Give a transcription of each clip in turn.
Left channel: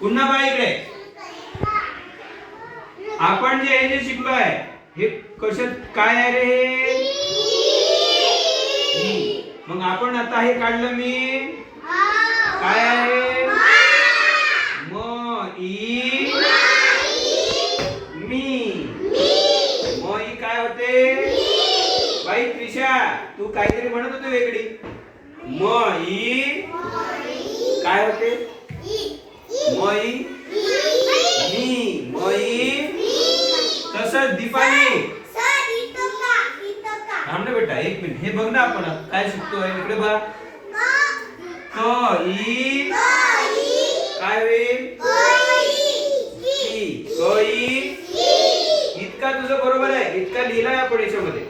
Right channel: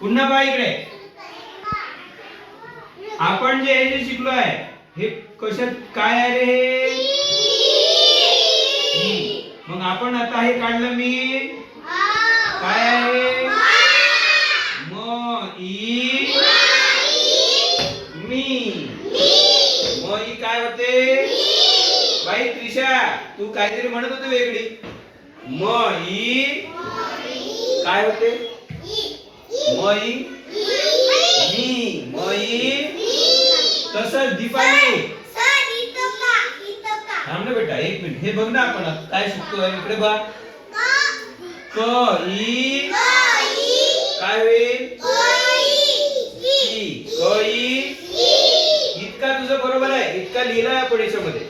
पुन्हा बा इकडे. आपण जे हे जे शिकलो आहे हे कशात काय आहे रे? हे मग आपण आता हे काढलं मी. काय आहे म ई मी. म ई काय होते? बाई त्रिशा तू काहीतरी म्हणत होती वेगळी. म ई काय होते? म ई मी म ई तसंच दीपाली थांब ना बेटा एक मिनिट. हे बघ ना आपण काय शिकतोय. इकडे बघ. क ई काय होईल? इतका तुझं बरोबर आहे. इतका लिहिलाय आपण याच्यामध्ये.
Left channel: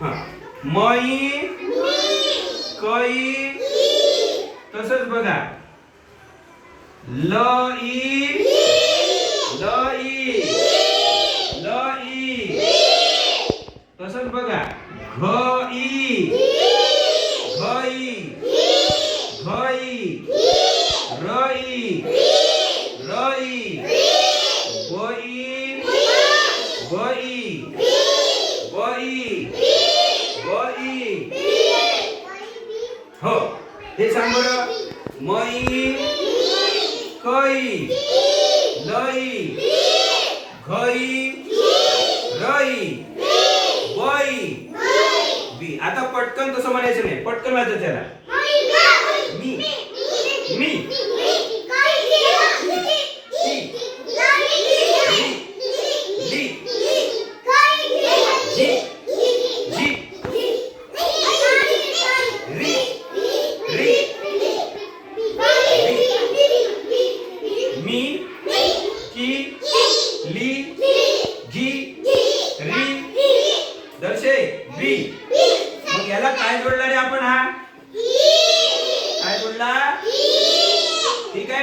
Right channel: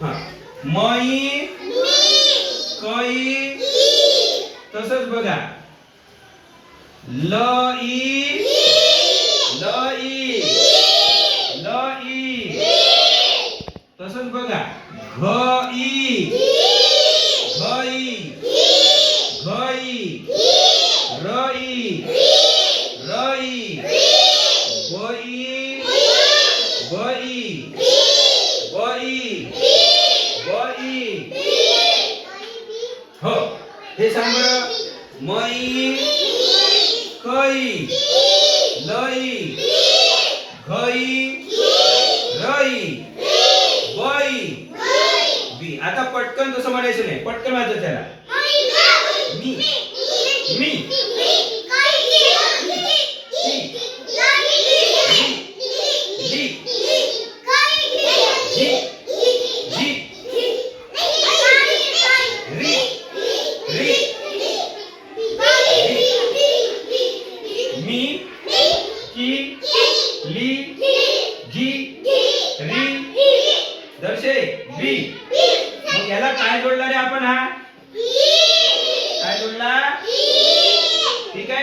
हा. म. ई क ई तसंच बघा. ल ई ल ई ल ई तसंच बघा घ ई घ ई घ ई र ई र ई ब ई ब ई ब ई ब ई हो हे सांग बरं म ई क लई. घई. रई. वई. बी. आता पटकन तसं म्हणायचं नाही. पटकन वाचायचं त्याला मी. मी. कि ली जी री. दर्शे बी मग याला काय जोडला रे आपण हा? काय जोडला? ठीक आहे.